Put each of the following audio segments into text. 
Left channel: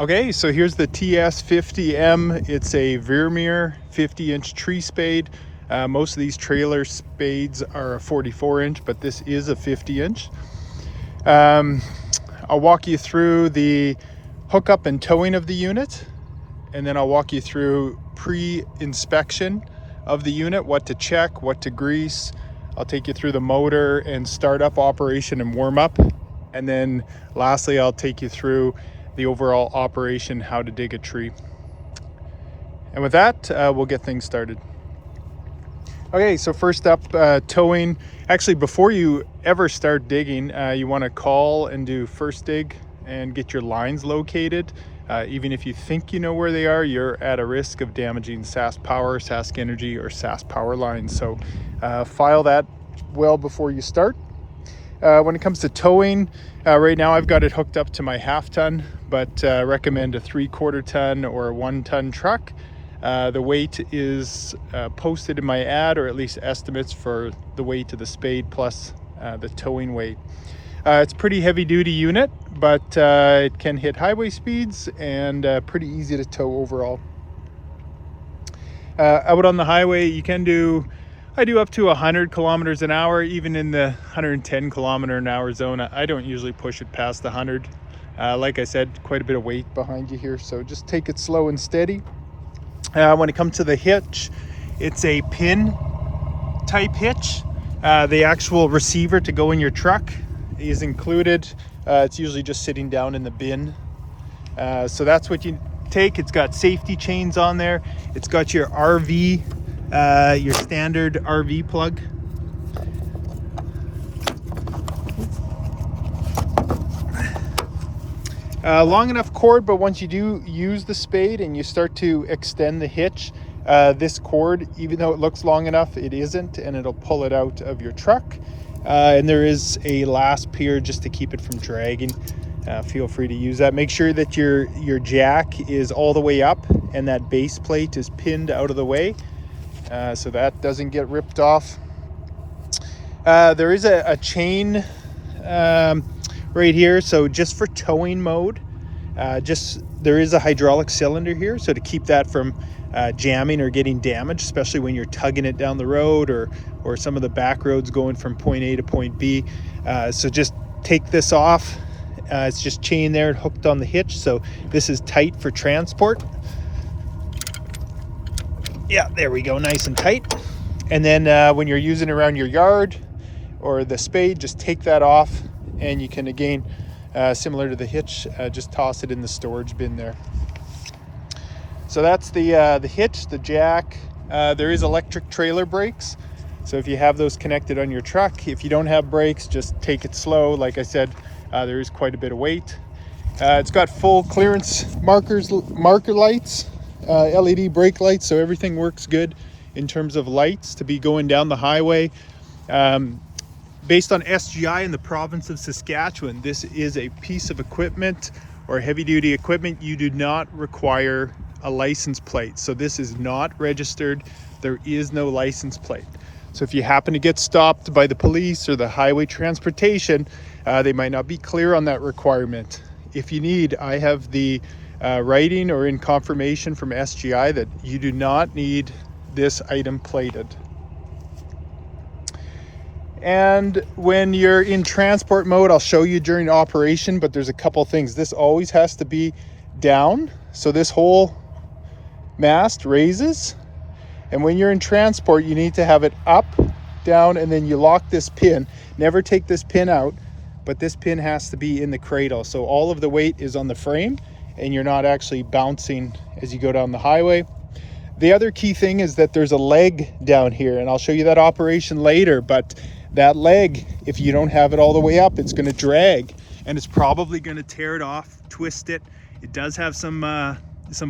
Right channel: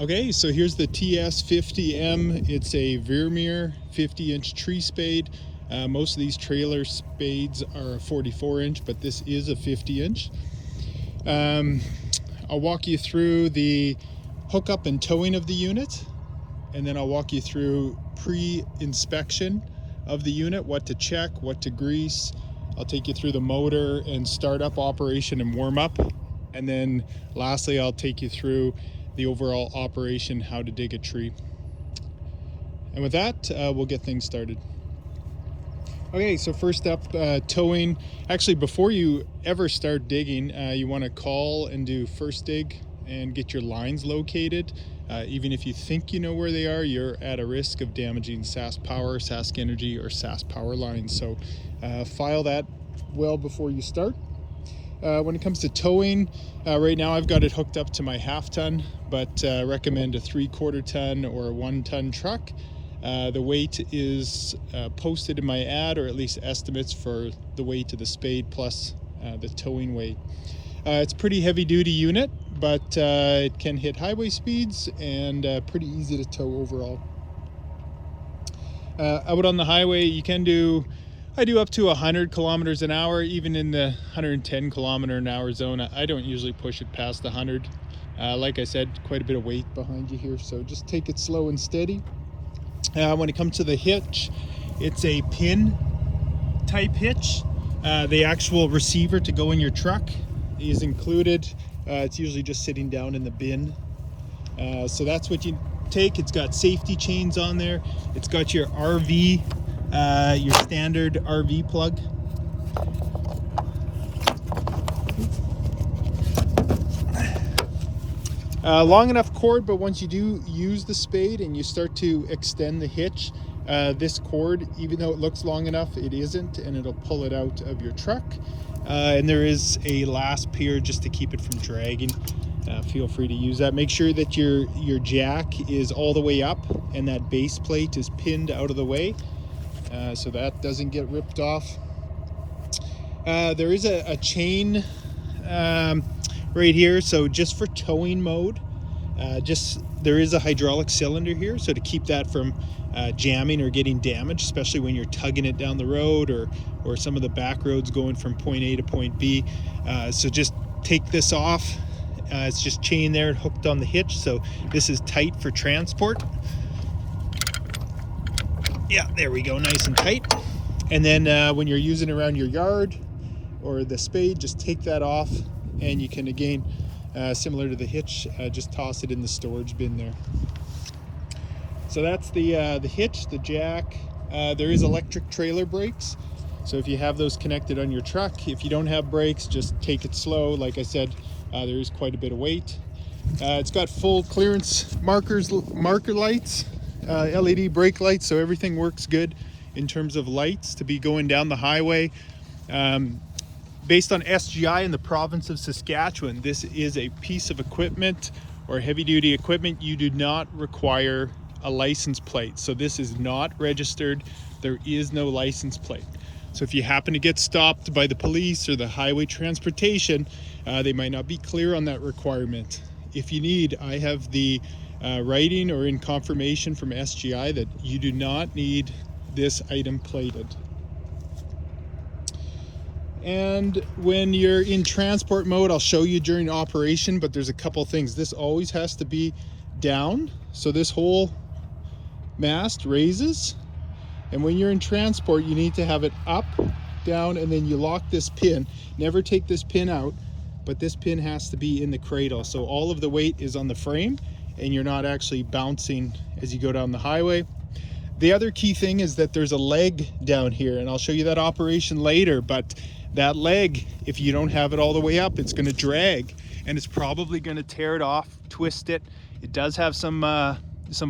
Okay, so here's the TS-50M. It's a Vermeer 50-inch tree spade. Most of these trailer spades are a 44-inch, but this is a 50-inch. I'll walk you through the hookup and towing of the unit, and then I'll walk you through pre-inspection of the unit, what to check, what to grease. I'll take you through the motor and startup operation and warm up. And then lastly, I'll take you through the overall operation, how to dig a tree. And with that, we'll get things started. Okay, so first up, towing. Actually, before you ever start digging, you want to call and do first dig and get your lines located. Even if you think you know where they are, you're at a risk of damaging Sask Power, Sask Energy, or Sask Power lines. So file that well before you start. When it comes to towing, right now I've got it hooked up to my 1/2 ton, but recommend a 3/4 ton or a 1 ton truck. The weight is posted in my ad, or at least estimates for the weight of the spade plus the towing weight. It's a pretty heavy duty unit, but it can hit highway speeds and pretty easy to tow overall. Out on the highway, you can do, I do up to 100 kilometers an hour, even in the 110 kilometer an hour zone. I don't usually push it past 100. Like I said, quite a bit of weight behind you here, so just take it slow and steady. When it comes to the hitch, it's a pin type hitch. The actual receiver to go in your truck is included. It's usually just sitting down in the bin. So that's what you take. It's got safety chains on there. It's got your RV, your standard RV plug. Long enough cord, but once you do use the spade and you start to extend the hitch, this cord, even though it looks long enough, it isn't, and it'll pull it out of your truck. And there is a last pier just to keep it from dragging. Feel free to use that. Make sure that your jack is all the way up and that base plate is pinned out of the way, so that doesn't get ripped off. There is a chain right here, so just for towing mode, there is a hydraulic cylinder here, so to keep that from jamming or getting damaged, especially when you're tugging it down the road or some of the back roads going from point A to point B. So just take this off. It's just chain there and hooked on the hitch, so this is tight for transport. Yeah, there we go, nice and tight. And then when you're using it around your yard or the spade, just take that off, and you can, again, similar to the hitch, just toss it in the storage bin there. So that's the hitch, the jack. There is electric trailer brakes, so if you have those connected on your truck, if you don't have brakes, just take it slow. Like I said, there is quite a bit of weight. It's got full clearance marker lights, LED brake lights, so everything works good in terms of lights to be going down the highway. Based on SGI in the province of Saskatchewan, this is a piece of equipment or heavy duty equipment. You do not require a license plate, so this is not registered. There is no license plate. So if you happen to get stopped by the police or the highway transportation, they might not be clear on that requirement. If you need, I have the writing or in confirmation from SGI that you do not need this item plated. And when you're in transport mode, I'll show you during operation, but there's a couple things. This always has to be down, so this whole mast raises. And when you're in transport, you need to have it up, down, and then you lock this pin. Never take this pin out, but this pin has to be in the cradle, so all of the weight is on the frame and you're not actually bouncing as you go down the highway. The other key thing is that there's a leg down here, and I'll show you that operation later, but that leg, if you don't have it all the way up, it's going to drag, and it's probably going to tear it off, twist it. It does have some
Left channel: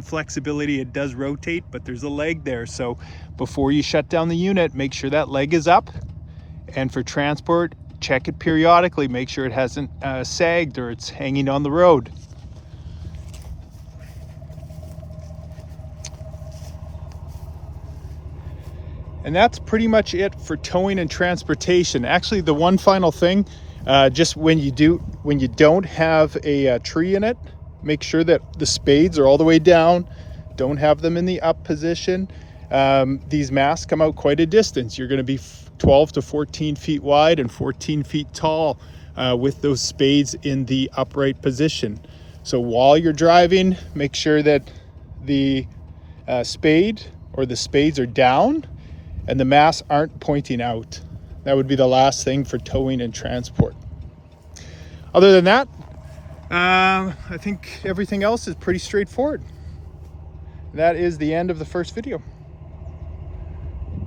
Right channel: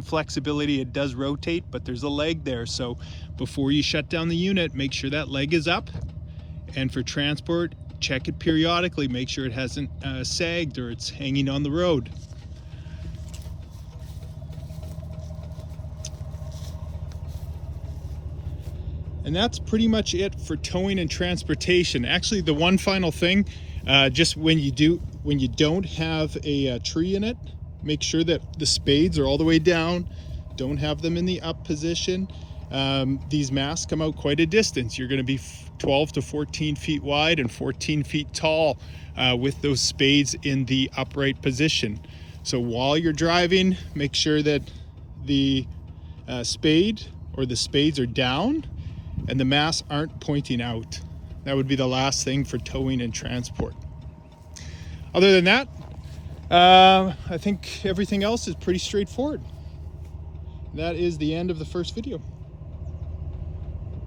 flexibility. It does rotate, but there's a leg there. So before you shut down the unit, make sure that leg is up. And for transport, check it periodically. Make sure it hasn't sagged or it's hanging on the road. And that's pretty much it for towing and transportation. Actually, the one final thing, just when you don't have a tree in it, Make sure that the spades are all the way down. Don't have them in the up position. These masts come out quite a distance. You're going to be 12 to 14 feet wide and 14 feet tall with those spades in the upright position. So while you're driving, make sure that the spade or the spades are down and the masts aren't pointing out. That would be the last thing for towing and transport. Other than that, I think everything else is pretty straightforward. That is the end of the first video.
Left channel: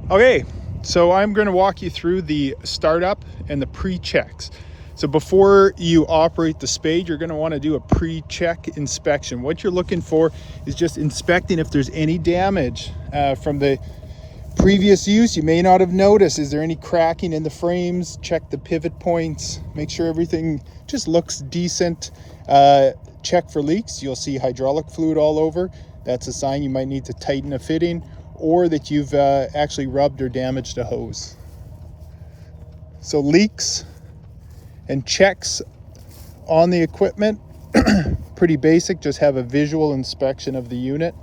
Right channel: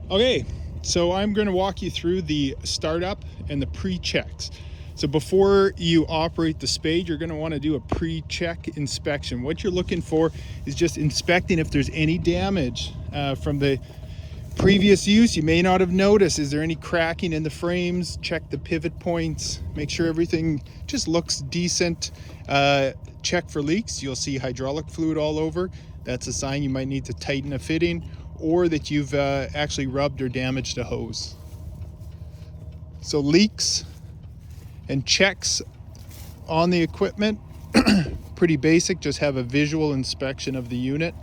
Okay, so I'm going to walk you through the startup and the pre-checks. So before you operate the spade, you're going to want to do a pre-check inspection. What you're looking for is just inspecting if there's any damage from the previous use. You may not have noticed. Is there any cracking in the frames? Check the pivot points. Make sure everything just looks decent. Check for leaks. You'll see hydraulic fluid all over. That's a sign you might need to tighten a fitting, or that you've actually rubbed or damaged a hose. So leaks and checks on the equipment, pretty basic. Just have a visual inspection of the unit.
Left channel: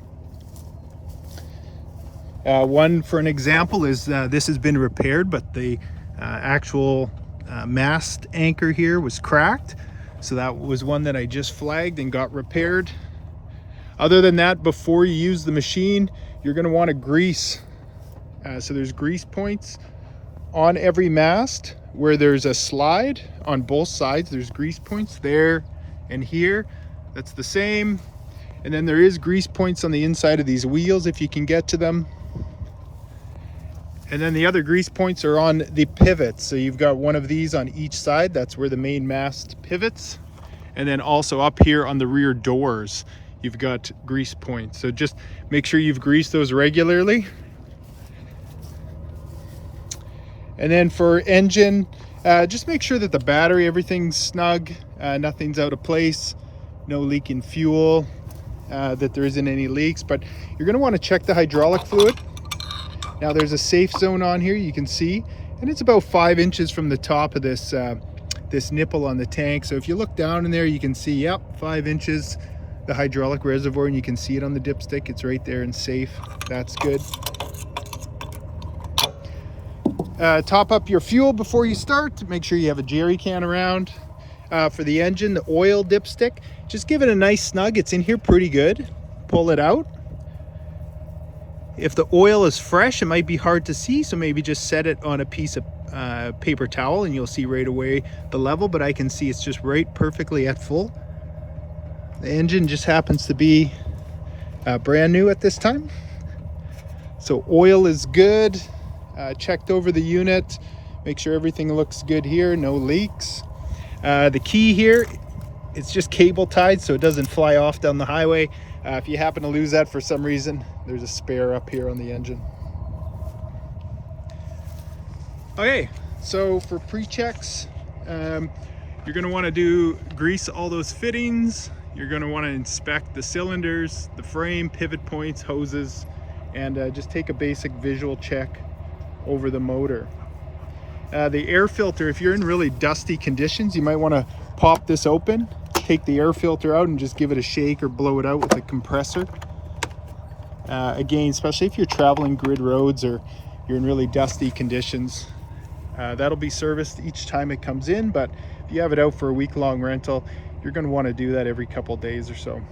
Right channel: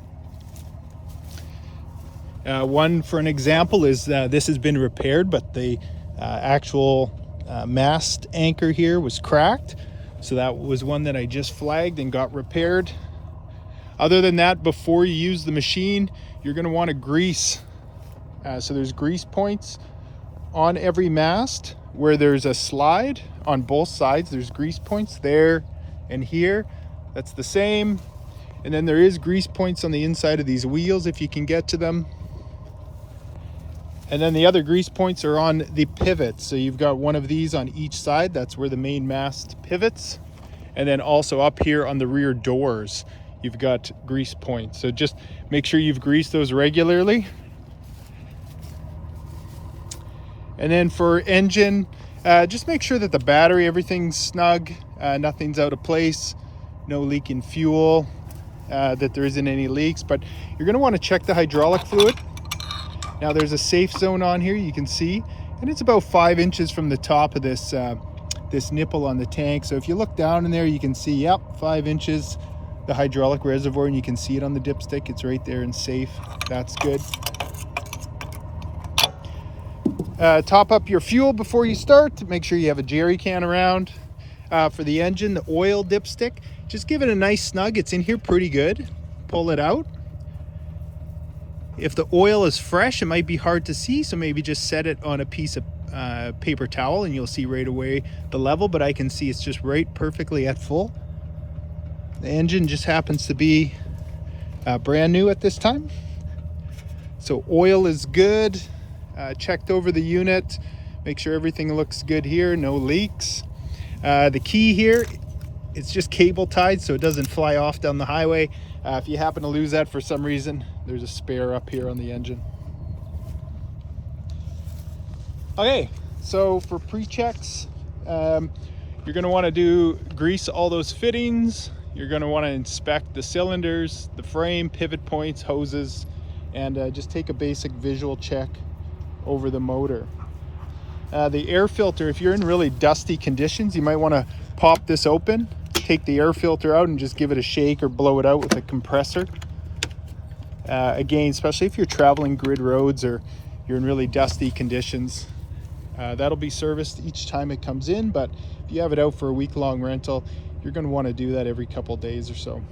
One for an example is this has been repaired, but the actual mast anchor here was cracked. So that was one that I just flagged and got repaired. Other than that, before you use the machine, you're going to want to grease. So there's grease points on every mast where there's a slide on both sides. There's grease points there and here. That's the same. And then there is grease points on the inside of these wheels if you can get to them. And then the other grease points are on the pivots. So you've got one of these on each side. That's where the main mast pivots. And then also up here on the rear doors, you've got grease points. So just make sure you've greased those regularly. And then for engine, just make sure that the battery, everything's snug, nothing's out of place, no leaking fuel, that there isn't any leaks. But you're going to want to check the hydraulic fluid. Now there's a safe zone on here, you can see, and it's about 5 inches from the top of this this nipple on the tank. So if you look down in there, you can see, yep, 5 inches, the hydraulic reservoir, and you can see it on the dipstick. It's right there and safe. That's good. Top up your fuel before you start. Make sure you have a jerry can around. For the engine, the oil dipstick, just give it a nice snug. It's in here pretty good. Pull it out. If the oil is fresh, it might be hard to see, so maybe just set it on a piece of paper towel and you'll see right away the level, but I can see it's just right perfectly at full. The engine just happens to be brand new at this time. So oil is good. Checked over the unit. Make sure everything looks good here, no leaks. The key here, it's just cable tied so it doesn't fly off down the highway. If you happen to lose that for some reason, there's a spare up here on the engine. Okay, so for pre-checks, you're going to want to grease all those fittings. You're going to want to inspect the cylinders, the frame, pivot points, hoses, and just take a basic visual check over the motor. The air filter, if you're in really dusty conditions, you might want to pop this open, take the air filter out and just give it a shake or blow it out with a compressor. Again, especially if you're traveling grid roads or you're in really dusty conditions, that'll be serviced each time it comes in, but if you have it out for a week-long rental, you're going to want to do that every couple days or so.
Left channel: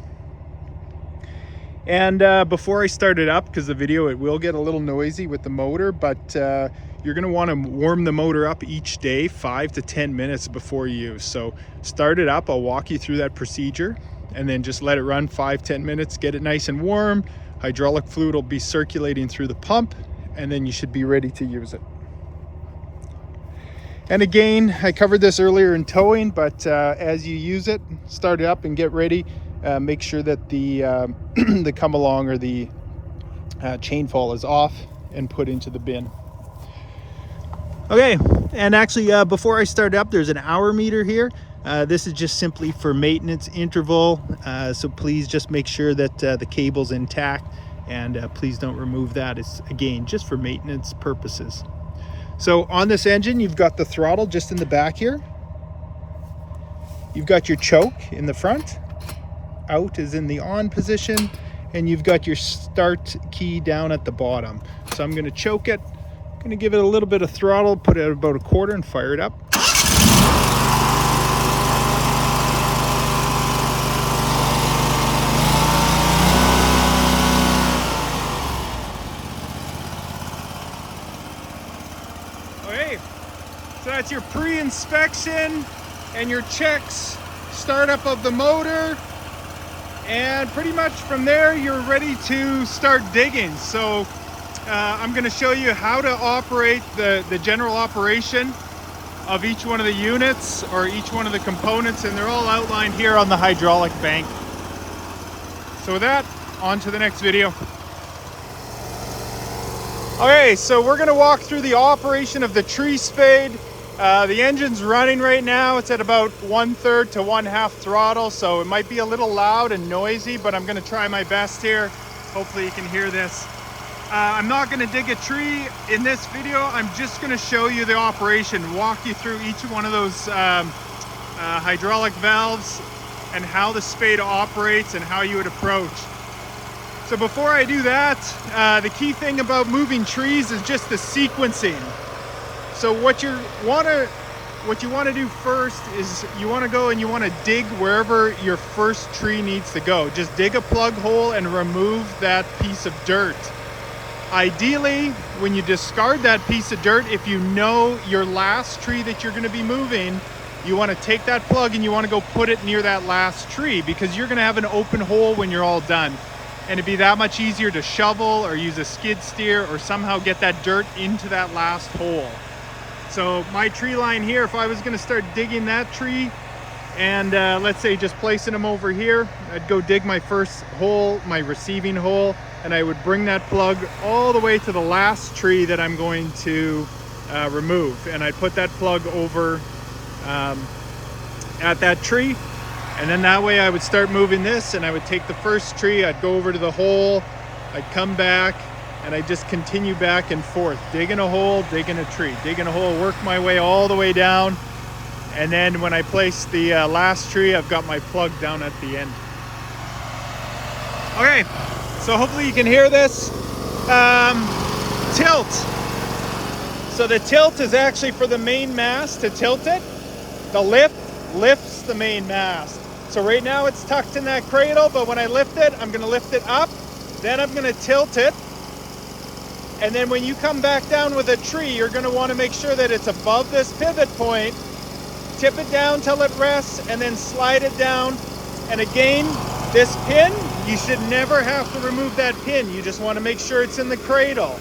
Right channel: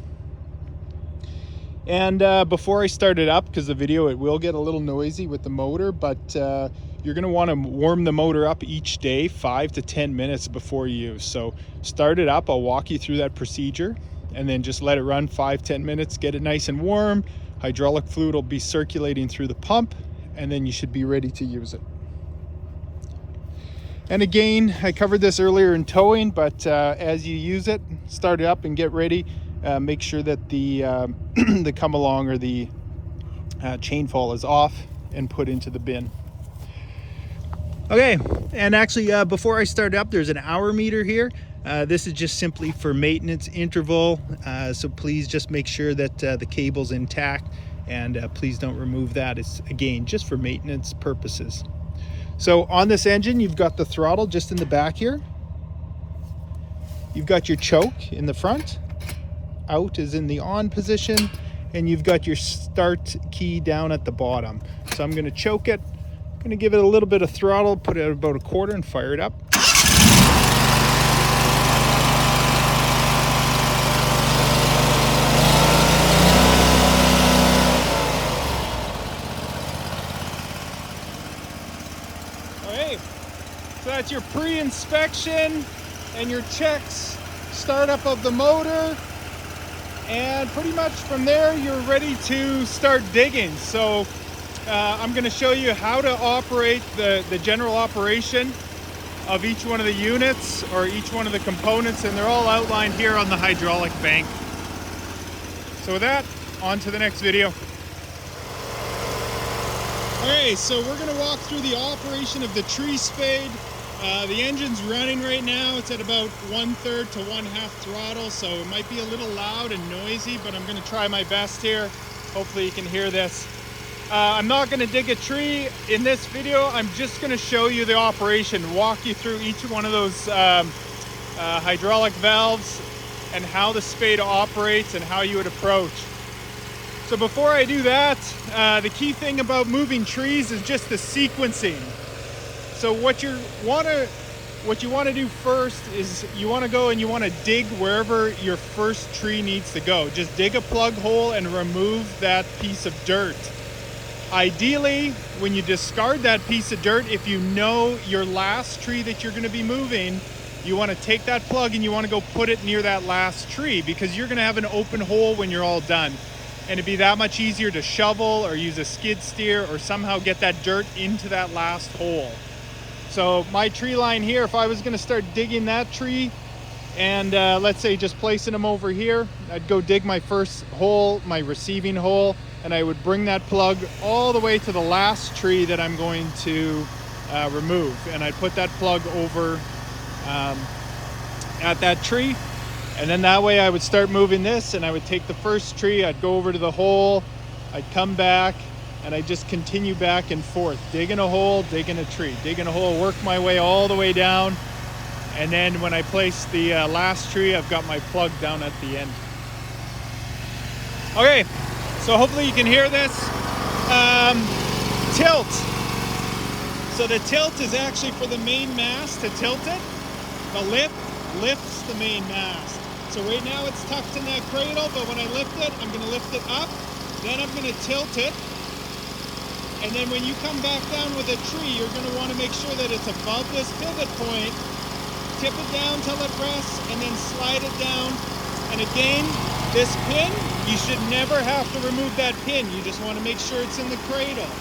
And before I start it up, because the video, it will get a little noisy with the motor, but you're going to want to warm the motor up each day 5 to 10 minutes before use. So start it up, I'll walk you through that procedure, and then just let it run 5-10 minutes, get it nice and warm. Hydraulic fluid will be circulating through the pump, and then you should be ready to use it. And again, I covered this earlier in towing, but as you use it, start it up and get ready. Make sure that the the come along or the chain fall is off and put into the bin. Okay, and actually before I start up, there's an hour meter here. This is just simply for maintenance interval, so please just make sure that the cable's intact, and please don't remove that. It's, again, just for maintenance purposes. So on this engine, you've got the throttle just in the back here. You've got your choke in the front. out is in the on position, and you've got your start key down at the bottom. So I'm going to choke it. I'm going to give it a little bit of throttle, put it at about a quarter and fire it up. Okay, so that's your pre-inspection and your checks, startup of the motor, and pretty much from there you're ready to start digging. So I'm going to show you how to operate the general operation of each one of the units or each one of the components, and they're all outlined here on the hydraulic bank. So with that, on to the next video. Okay, so we're going to walk through the operation of the tree spade. The engine's running right now. It's at about 1/3 to 1/2 throttle, so it might be a little loud and noisy, but I'm going to try my best here. Hopefully you can hear this. I'm not going to dig a tree in this video. I'm just going to show you the operation, walk you through each one of those hydraulic valves and how the spade operates and how you would approach. So before I do that, the key thing about moving trees is just the sequencing. So what you want to do first is you want to go and you want to dig wherever your first tree needs to go. Just dig a plug hole and remove that piece of dirt. Ideally, when you discard that piece of dirt, if you know your last tree that you're going to be moving, you want to take that plug and you want to go put it near that last tree, because you're going to have an open hole when you're all done. And it'd be that much easier to shovel or use a skid steer or somehow get that dirt into that last hole. So my tree line here, if I was going to start digging that tree and let's say just placing them over here, I'd go dig my first hole, my receiving hole, and I would bring that plug all the way to the last tree that I'm going to remove. And I'd put that plug over at that tree. And then that way I would start moving this, and I would take the first tree, I'd go over to the hole, I'd come back, and I just continue back and forth, digging a hole, digging a tree, digging a hole, work my way all the way down. And then when I place the last tree, I've got my plug down at the end. Okay, so hopefully you can hear this. Tilt. So the tilt is actually for the main mast to tilt it. The lift lifts the main mast. So right now it's tucked in that cradle, but when I lift it, I'm going to lift it up, then I'm going to tilt it. And then when you come back down with a tree, you're going to want to make sure that it's above this pivot point. Tip it down till it rests, and then slide it down. And again, this pin, you should never have to remove that pin. You just want to make sure it's in the cradle.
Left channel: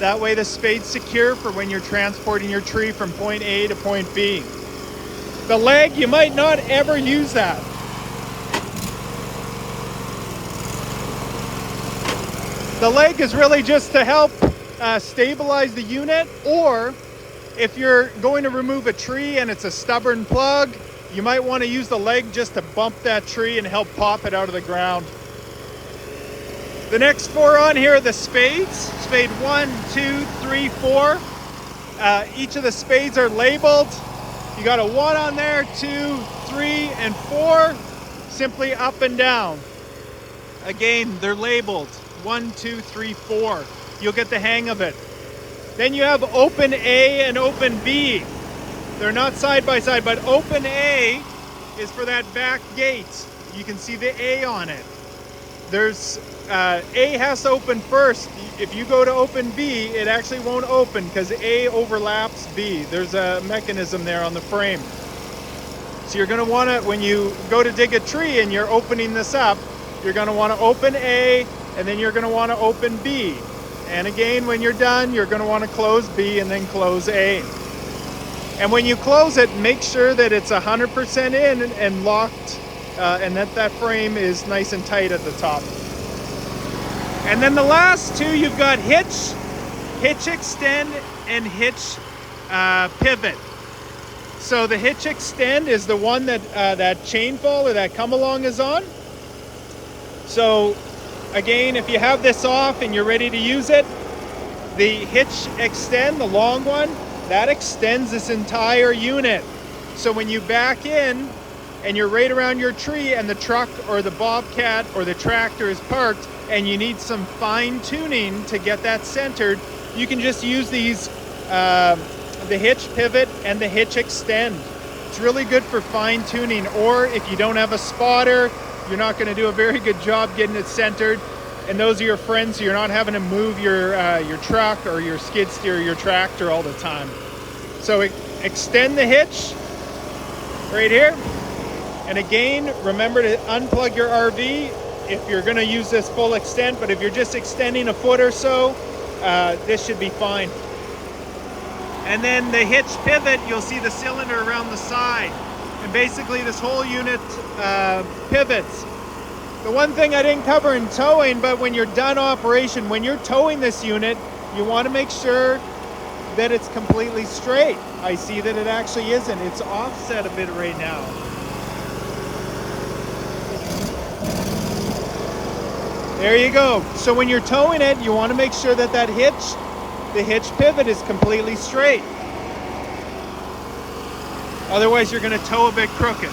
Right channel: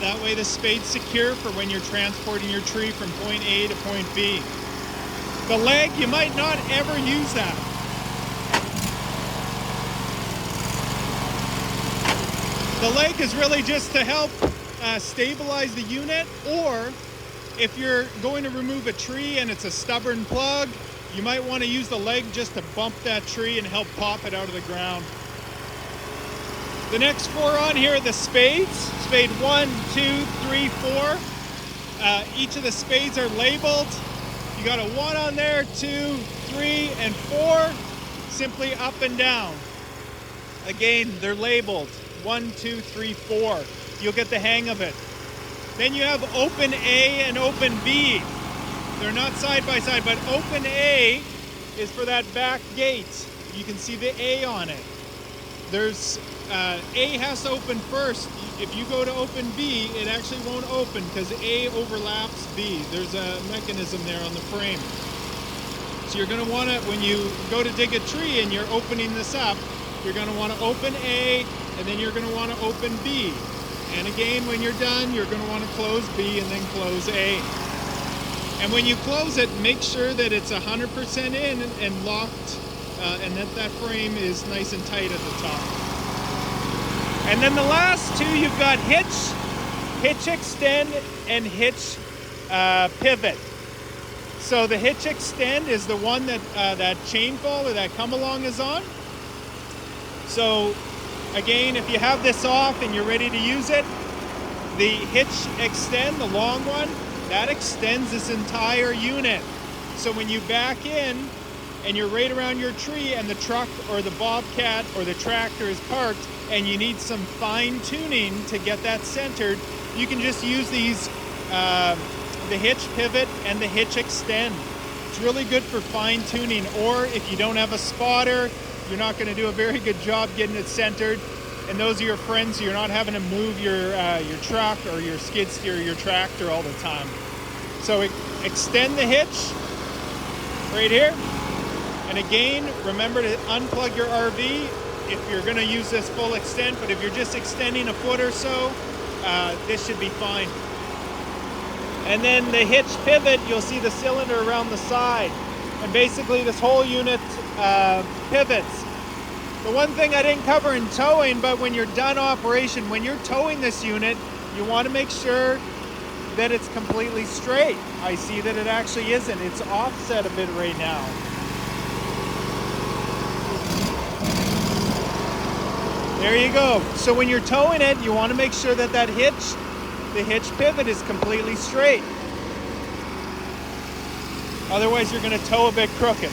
That way the spade's secure for when you're transporting your tree from point A to point B. The leg, you might not ever use that. The leg is really just to help stabilize the unit, or if you're going to remove a tree and it's a stubborn plug, you might want to use the leg just to bump that tree and help pop it out of the ground. The next four on here are the spades. Spade 1, 2, 3, 4. Each of the spades are labeled. You got a 1 on there, 2, 3, and 4. Simply up and down. Again, they're labeled 1, 2, 3, 4. You'll get the hang of it. Then you have open A and open B. They're not side by side, but open A is for that back gate. You can see the A on it. There's A has to open first. If you go to open B, it actually won't open because A overlaps B. There's a mechanism there on the frame. So you're going to want to, when you go to dig a tree and you're opening this up, you're going to want to open A, and then you're going to want to open B. And again, when you're done, you're going to want to close B and then close A. And when you close it, make sure that it's 100% in and locked, and that frame is nice and tight at the top. And then the last two, you've got hitch extend, and hitch pivot. So the hitch extend is the one that that chain fall or that come along is on. So again, if you have this off and you're ready to use it, the hitch extend, the long one, that extends this entire unit. So when you back in and you're right around your tree and the truck or the bobcat or the tractor is parked and you need some fine tuning to get that centered, you can just use these, the hitch pivot and the hitch extend. It's really good for fine tuning, or if you don't have a spotter, you're not going to do a very good job getting it centered, and those are your friends, so you're not having to move your truck or your skid steer or your tractor all the time. So extend the hitch right here. And again, remember to unplug your RV if you're going to use this full extent, but if you're just extending a foot or so, this should be fine. And then the hitch pivot, you'll see the cylinder around the side. And basically this whole unit pivots. The one thing I didn't cover in towing, but when you're done operation, when you're towing this unit, you want to make sure that it's completely straight. I see that it actually isn't. It's offset a bit right now. There you go. So when you're towing it, you want to make sure that the hitch pivot is completely straight. Otherwise, you're going to tow a bit crooked.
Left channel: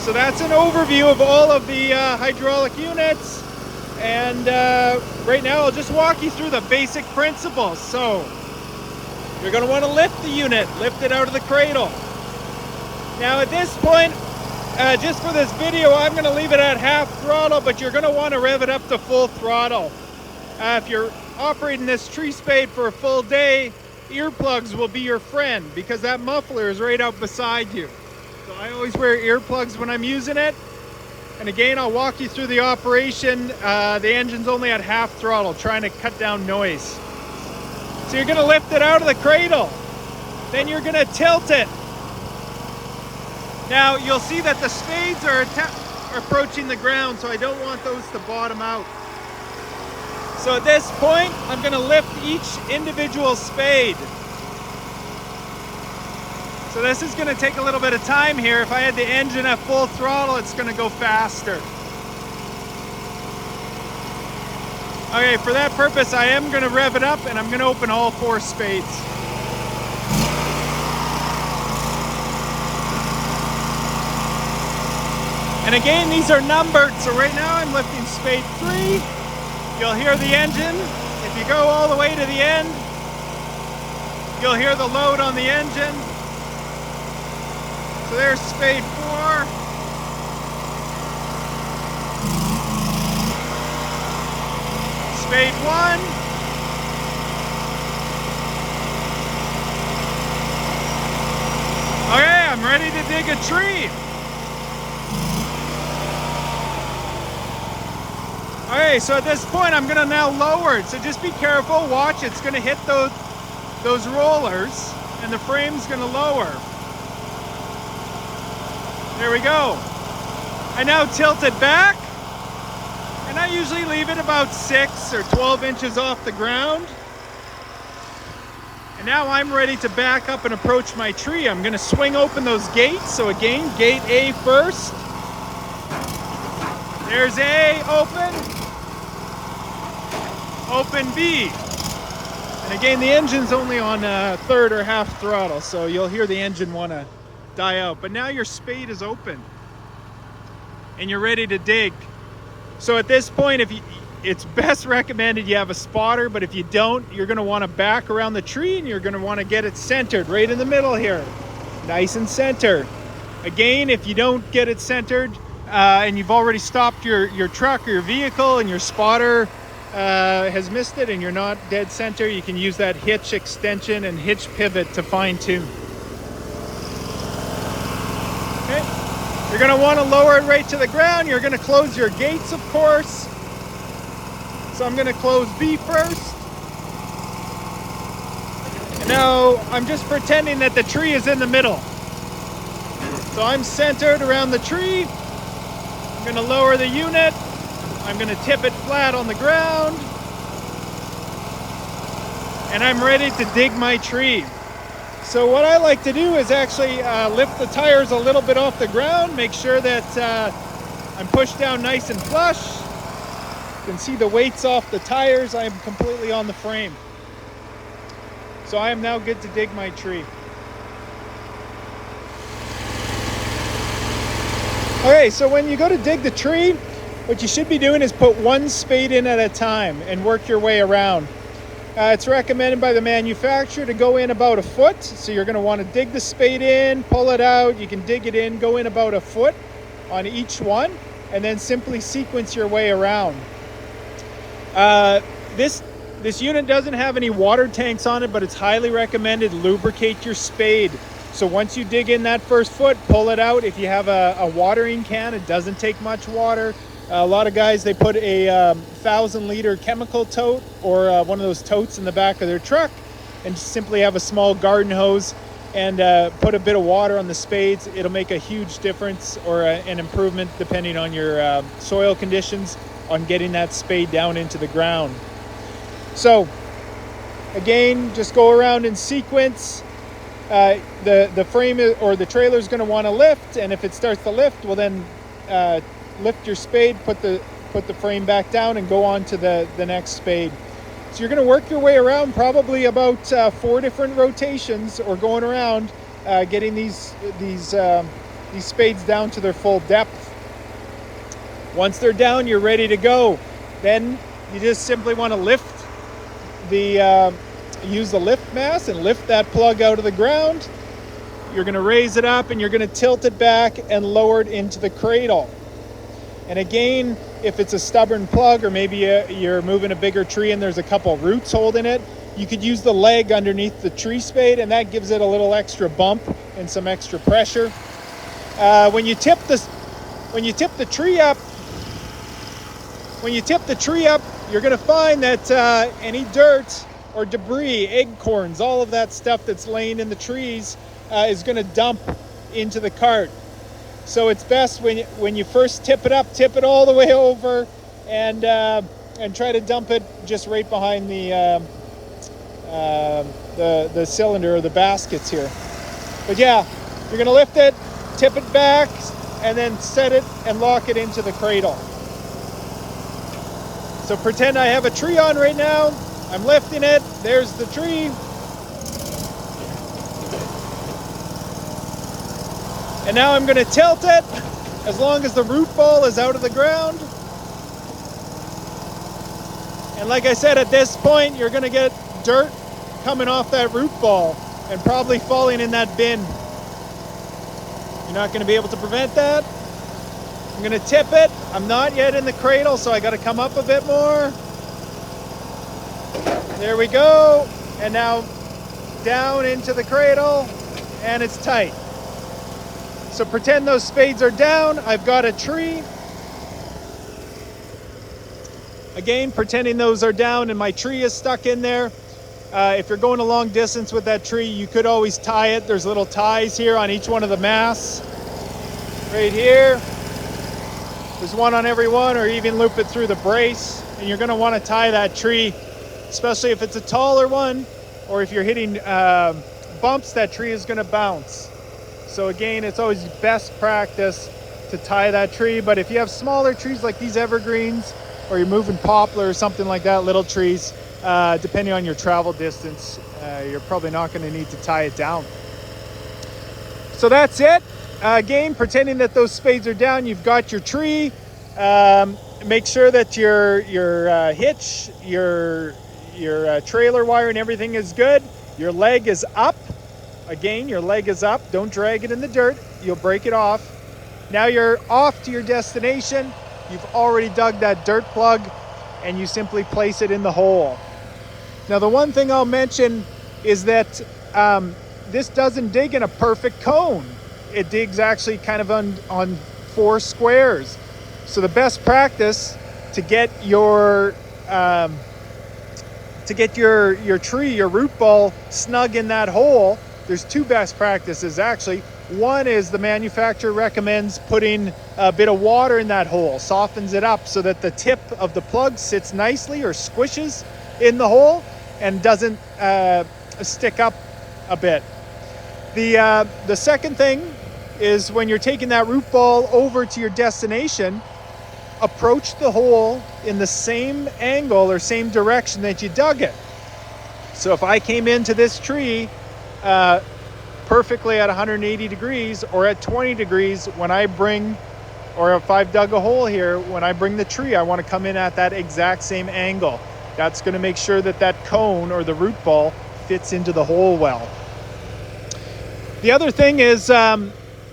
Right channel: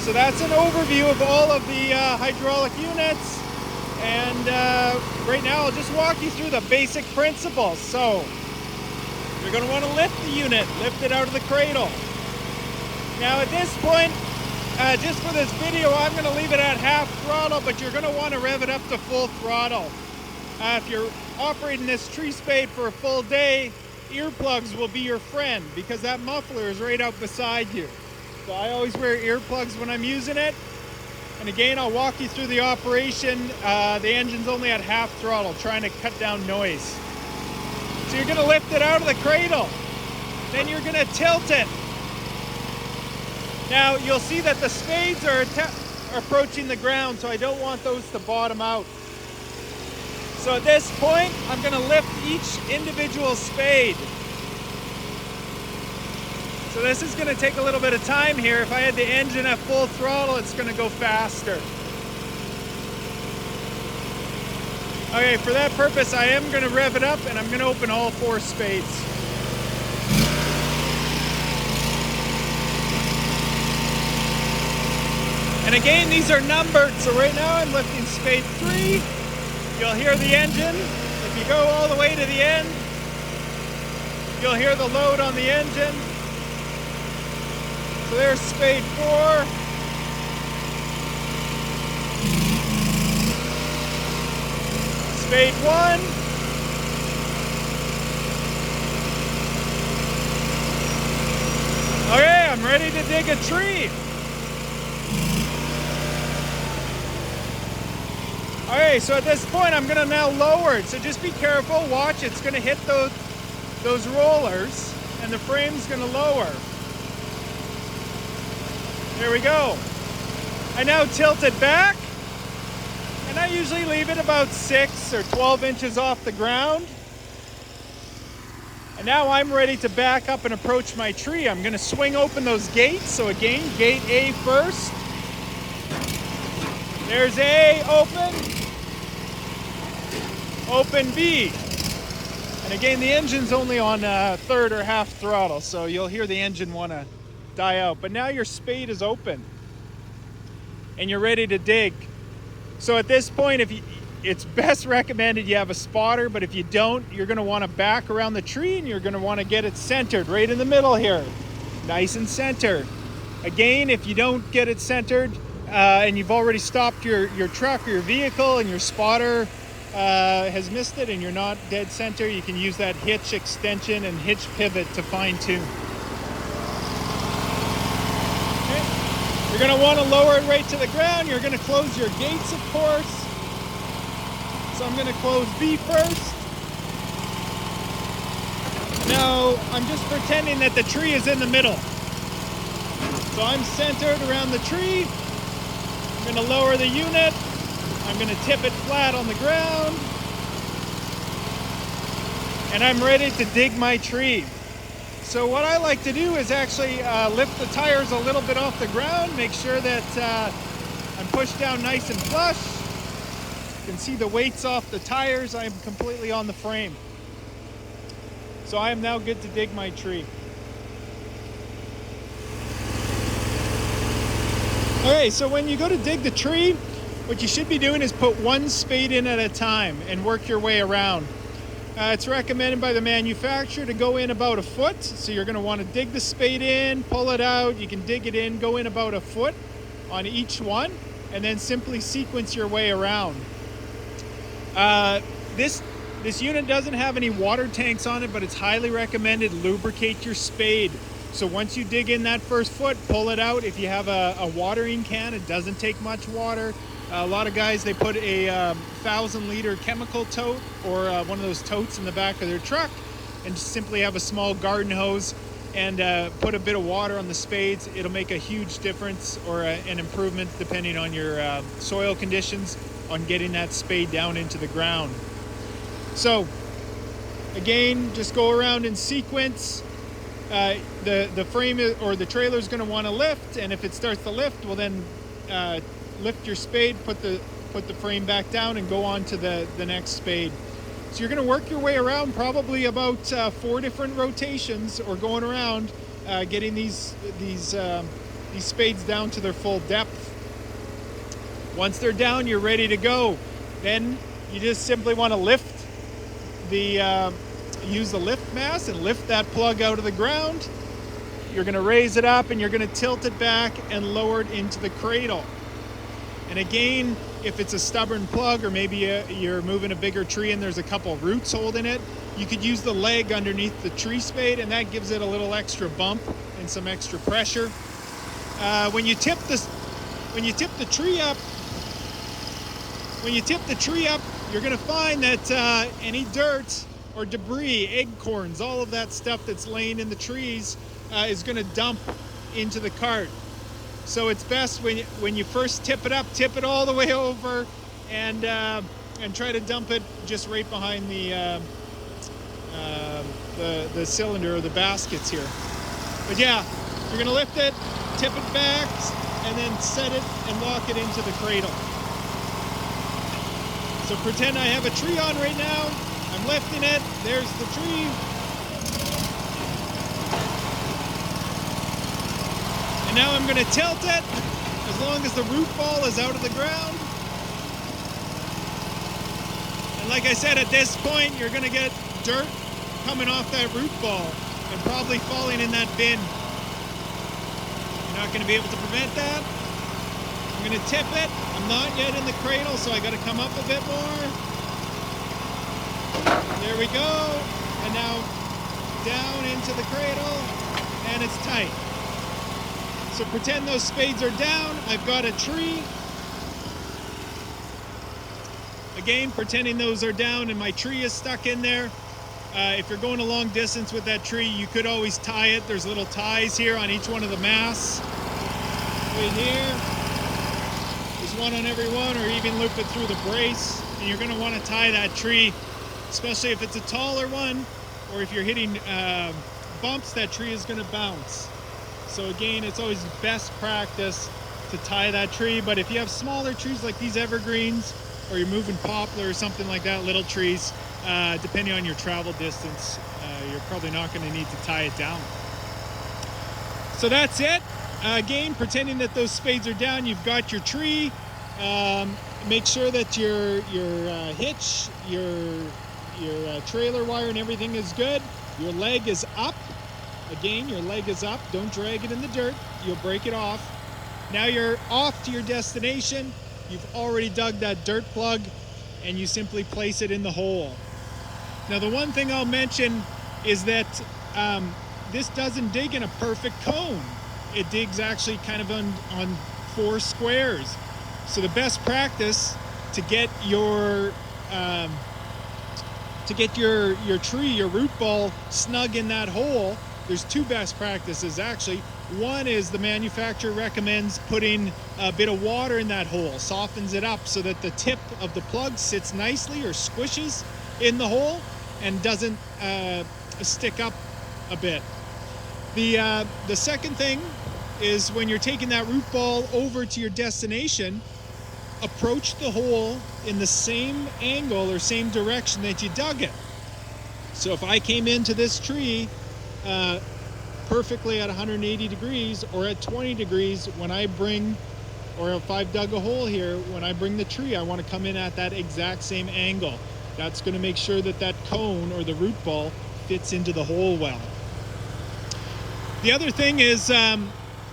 So that's an overview of all of the hydraulic units. And right now, I'll just walk you through the basic principles. So you're going to want to lift the unit, lift it out of the cradle. Now at this point, just for this video, I'm going to leave it at half throttle, but you're going to want to rev it up to full throttle. If you're operating this tree spade for a full day, earplugs will be your friend because that muffler is right out beside you. So I always wear earplugs when I'm using it. And again, I'll walk you through the operation. The engine's only at half throttle, trying to cut down noise. So you're going to lift it out of the cradle. Then you're going to tilt it. Now you'll see that the spades are approaching the ground, so I don't want those to bottom out. So at this point, I'm going to lift each individual spade. So this is going to take a little bit of time here. If I had the engine at full throttle, it's going to go faster. Okay, for that purpose, I am going to rev it up and I'm going to open all 4 spades. And again, these are numbered. So right now I'm lifting spade 3. You'll hear the engine. If you go all the way to the end, you'll hear the load on the engine. So there's spade 4. Spade 1. Okay, I'm ready to dig a tree. Okay, so at this point I'm going to now lower it. So just be careful, watch, it's going to hit those rollers and the frame's going to lower. There we go. I now tilt it back, and I usually leave it about 6 or 12 inches off the ground. And now I'm ready to back up and approach my tree. I'm going to swing open those gates. So again, gate A first. There's A, open. Open B. And again, the engine's only on third or half throttle, so you'll hear the engine want to die out. But now your spade is open and you're ready to dig. So at this point, it's best recommended you have a spotter, but if you don't, you're going to want to back around the tree and you're going to want to get it centered right in the middle here, nice and centered. Again, if you don't get it centered and you've already stopped your truck or your vehicle and your spotter has missed it and you're not dead center, you can use that hitch extension and hitch pivot to fine tune. You're going to want to lower it right to the ground. You're going to close your gates, of course. So I'm going to close B first. Now, I'm just pretending that the tree is in the middle. So I'm centered around the tree. I'm going to lower the unit. I'm going to tip it flat on the ground. And I'm ready to dig my tree. So what I like to do is actually lift the tires a little bit off the ground, make sure that I'm pushed down nice and flush. You can see the weights off the tires. I'm completely on the frame. So I am now good to dig my tree. Okay, so when you go to dig the tree, what you should be doing is put one spade in at a time and work your way around. It's recommended by the manufacturer to go in about a foot. So you're going to want to dig the spade in, pull it out. You can dig it in, go in about a foot on each one, and then simply sequence your way around. This unit doesn't have any water tanks on it, but it's highly recommended. Lubricate your spade. So once you dig in that first foot, pull it out. If you have a watering can, it doesn't take much water. A lot of guys, they put a 1,000-liter chemical tote or one of those totes in the back of their truck and just simply have a small garden hose and put a bit of water on the spades. It'll make a huge difference or an improvement depending on your soil conditions on getting that spade down into the ground. So again, just go around in sequence. The frame or the trailer is going to want to lift, and if it starts to lift, well then lift your spade, put the frame back down, and go on to the next spade. So you're going to work your way around probably about 4 different rotations, or going around getting these spades down to their full depth. Once they're down, you're ready to go. Then you just simply want to lift use the lift mass and lift that plug out of the ground. You're going to raise it up and you're going to tilt it back and lower it into the cradle. And again, if it's a stubborn plug, or maybe you're moving a bigger tree and there's a couple roots holding it, you could use the leg underneath the tree spade, and that gives it a little extra bump and some extra pressure. When you tip the tree up, you're going to find that any dirt or debris, acorns, all of that stuff that's laying in the trees is going to dump into the cart. So it's best when you first tip it all the way over, and try to dump it just right behind the cylinder or the baskets here. But yeah, you're going to lift it, tip it back, and then set it and lock it into the cradle. So pretend I have a tree on right now. I'm lifting it. There's the tree. And now I'm going to tilt it as long as the root ball is out of the ground. And like I said, at this point, you're going to get dirt coming off that root ball and probably falling in that bin. You're not going to be able to prevent that. I'm going to tip it. I'm not yet in the cradle, so I got to come up a bit more. There we go. And now down into the cradle, and it's tight. So pretend those spades are down. I've got a tree. Again, pretending those are down and my tree is stuck in there. If you're going a long distance with that tree, you could always tie it. There's little ties here on each one of the masts. Right here. There's one on every one, or even loop it through the brace. And you're going to want to tie that tree, especially if it's a taller one, or if you're hitting bumps, that tree is going to bounce. So again, it's always best practice to tie that tree. But if you have smaller trees like these evergreens, or you're moving poplar or something like that, little trees, depending on your travel distance, you're probably not going to need to tie it down. So that's it. Again, pretending that those spades are down, you've got your tree. Make sure that your hitch, your trailer wire and everything is good. Your leg is up. Again, your leg is up. Don't drag it in the dirt. You'll break it off. Now you're off to your destination. You've already dug that dirt plug, and you simply place it in the hole. Now, the one thing I'll mention is that this doesn't dig in a perfect cone. It digs actually kind of on 4 squares. So the best practice to get your tree, your root ball snug in that hole, there's 2 best practices actually. One is the manufacturer recommends putting a bit of water in that hole, softens it up so that the tip of the plug sits nicely or squishes in the hole and doesn't stick up a bit. The second thing is, when you're taking that root ball over to your destination, approach the hole in the same angle or same direction that you dug it. So if I came into this tree perfectly at 180 degrees or at 20 degrees, when I bring or if I've dug a hole here, when I bring the tree, I want to come in at that exact same angle. That's going to make sure that that cone or the root ball fits into the hole well. The other thing is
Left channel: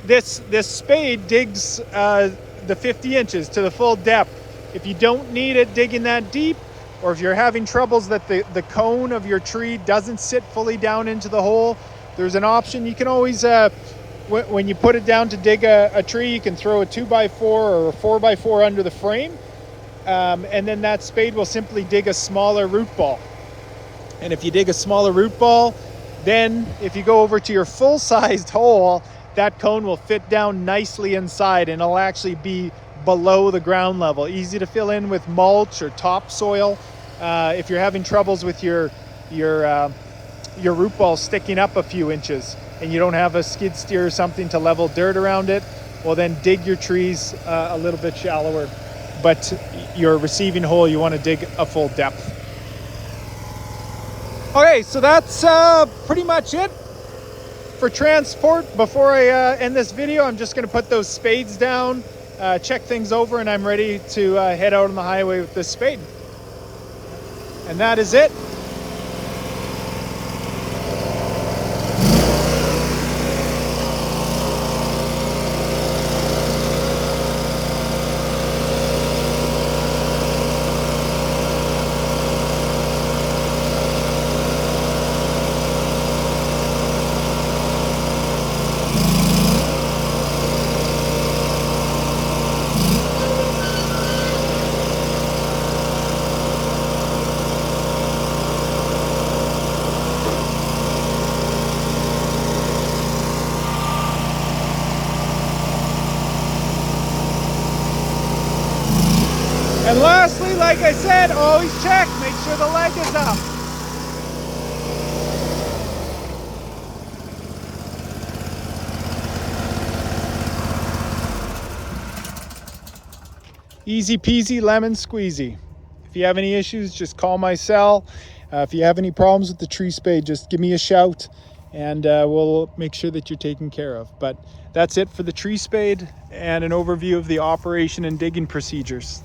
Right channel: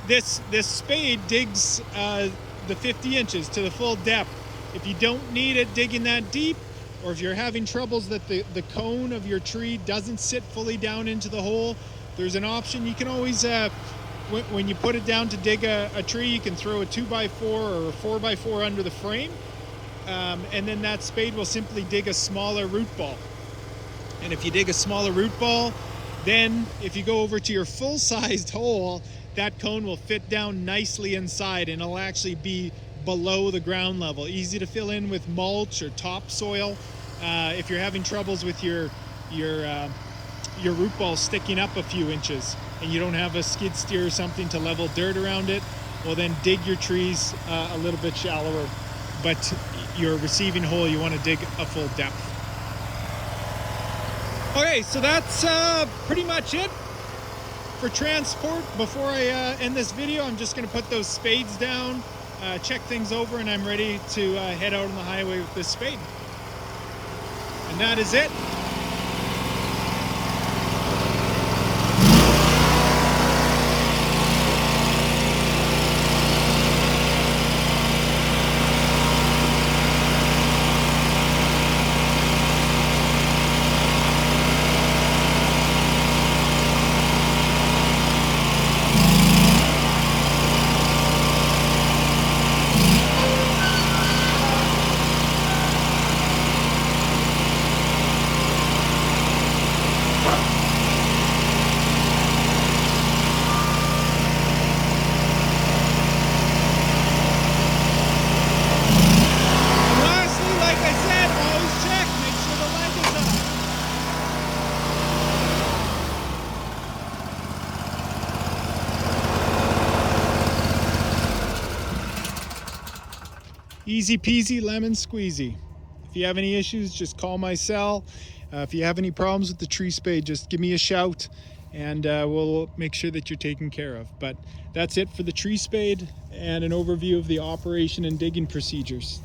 this spade digs the 50 inches to the full depth. If you don't need it digging that deep, or if you're having troubles that the cone of your tree doesn't sit fully down into the hole, there's an option. You can always, when you put it down to dig a tree, you can throw a 2x4 or a 4x4 under the frame, and then that spade will simply dig a smaller root ball. And if you dig a smaller root ball, then if you go over to your full-sized hole, that cone will fit down nicely inside and it'll actually be below the ground level. Easy to fill in with mulch or topsoil. If you're having troubles with your root ball sticking up a few inches and you don't have a skid steer or something to level dirt around it, well then dig your trees a little bit shallower. But your receiving hole, you want to dig a full depth. Okay, so that's pretty much it for transport. Before I end this video, I'm just going to put those spades down, check things over, and I'm ready to head out on the highway with this spade. And that is it. And lastly, like I said, always check, make sure the leg is up. Easy peasy, lemon squeezy. If you have any issues, just call my cell. If you have any problems with the tree spade, just give me a shout and we'll make sure that you're taken care of. But that's it for the tree spade and an overview of the operation and digging procedures.